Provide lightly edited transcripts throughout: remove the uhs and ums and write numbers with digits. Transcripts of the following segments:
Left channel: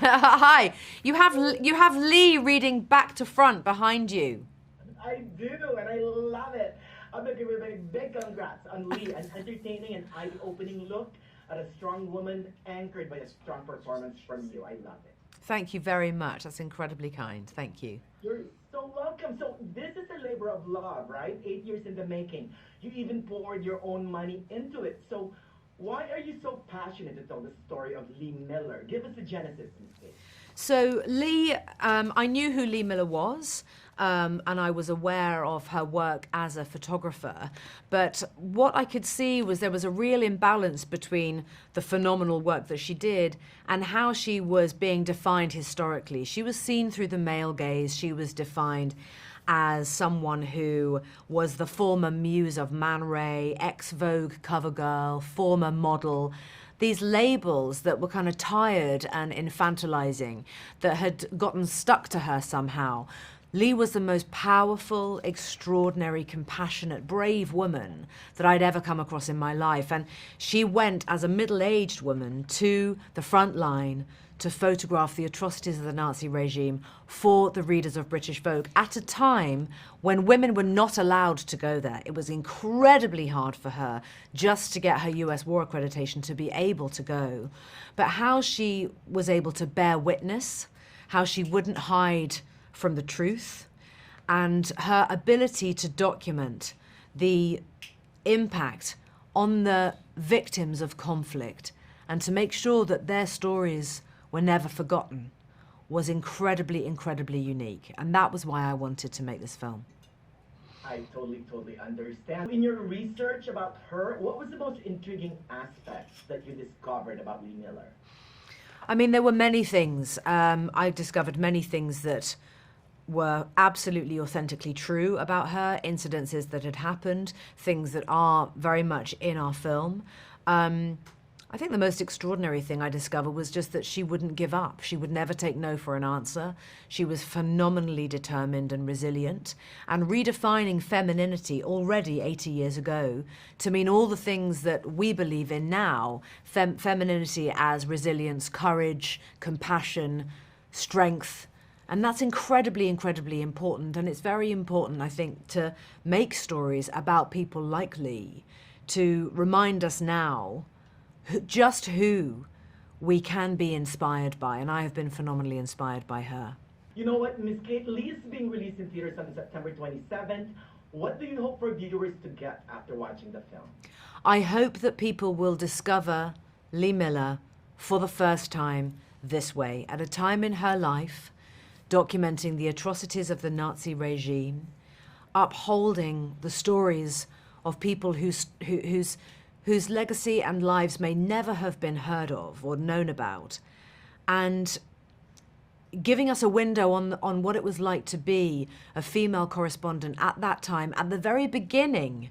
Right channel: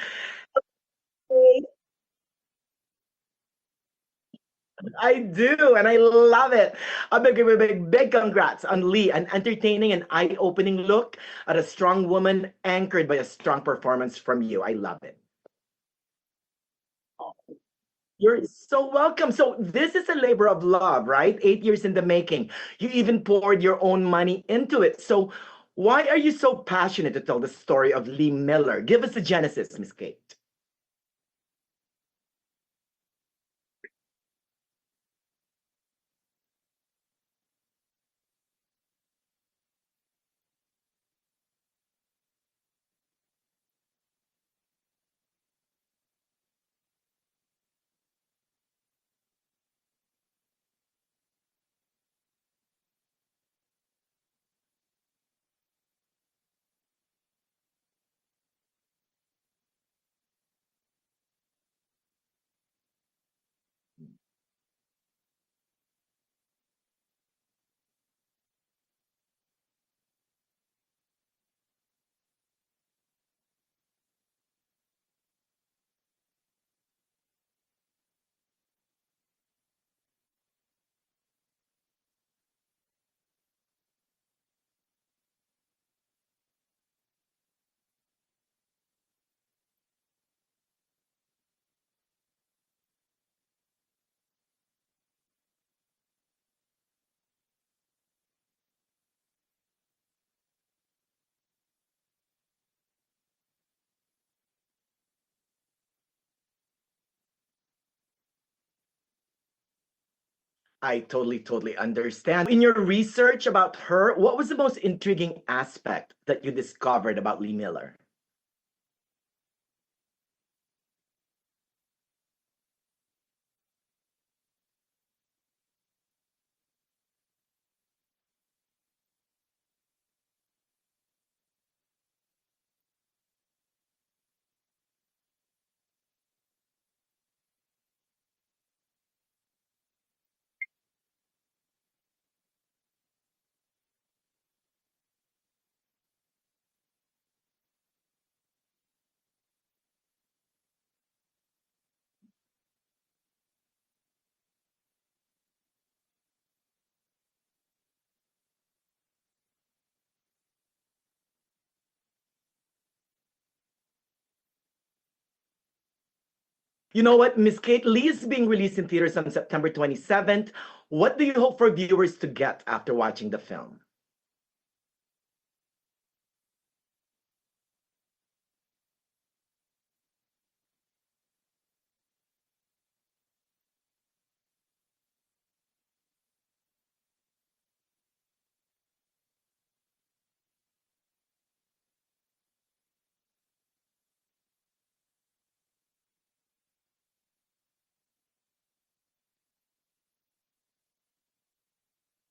Hi. You have Lee reading back to front behind you. I do, and I love it. A big congrats on Lee, an entertaining and eye-opening look at a strong woman anchored by a strong performance from you. I love it. Thank you very much. That's incredibly kind. Thank you. You're so welcome. So this is a labor of love, right? 8 years in the making. You even poured your own money into it. So why are you so passionate to tell the story of Lee Miller? Give us the genesis, Miss Kate. So Lee, I knew who Lee Miller was, and I was aware of her work as a photographer. But what I could see was there was a real imbalance between the phenomenal work that she did and how she was being defined historically. She was seen through the male gaze. She was defined as someone who was the former muse of Man Ray, ex-Vogue cover girl, former model. These labels that were kind of tired and infantilizing, that had gotten stuck to her somehow. Lee was the most powerful, extraordinary, compassionate, brave woman that I'd ever come across in my life. And she went as a middle-aged woman to the front line to photograph the atrocities of the Nazi regime for the readers of British Vogue at a time when women were not allowed to go there. It was incredibly hard for her just to get her US war accreditation to be able to go. But how she was able to bear witness, how she wouldn't hide from the truth, and her ability to document the impact on the victims of conflict and to make sure that their stories were never forgotten was incredibly, incredibly unique. And that was why I wanted to make this film. I totally understand. In your research about her, what was the most intriguing aspect that you discovered about Lee Miller? I mean, there were many things. I discovered many things that were absolutely authentically true about her, incidences that had happened, things that are very much in our film. I think the most extraordinary thing I discovered was just that she wouldn't give up. She would never take no for an answer. She was phenomenally determined and resilient, and redefining femininity already 80 years ago to mean all the things that we believe in now. Femininity as resilience, courage, compassion, strength. And that's incredibly, incredibly important. And it's very important, I think, to make stories about people like Lee to remind us now just who we can be inspired by. And I have been phenomenally inspired by her. You know what, Miss Kate, Lee is being released in theaters on September 27th. What do you hope for viewers to get after watching the film? I hope that people will discover Lee Miller for the first time this way, at a time in her life, documenting the atrocities of the Nazi regime, upholding the stories of people whose legacy and lives may never have been heard of or known about, and giving us a window on what it was like to be a female correspondent at that time, at the very beginning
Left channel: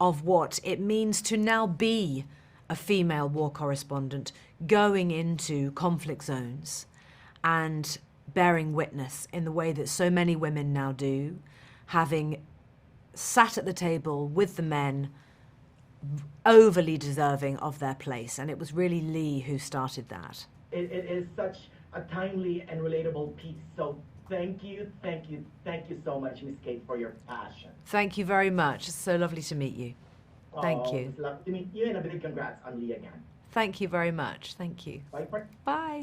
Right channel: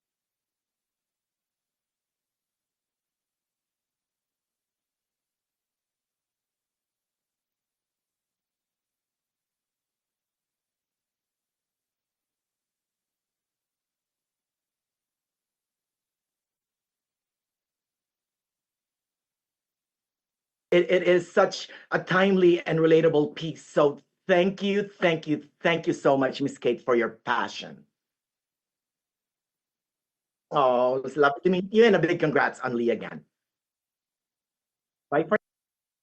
of what it means to now be a female war correspondent, going into conflict zones and bearing witness in the way that so many women now do, having sat at the table with the men, overly deserving of their place. And it was really Lee who started that. It is such a timely and relatable piece. So thank you so much, Miss Kate, for your passion. Thank you very much. It's so lovely to meet you. Thank Oh, you. it was lovely to meet you, and a big congrats on Lee again. Thank you very much. Thank you. Bye for Bye.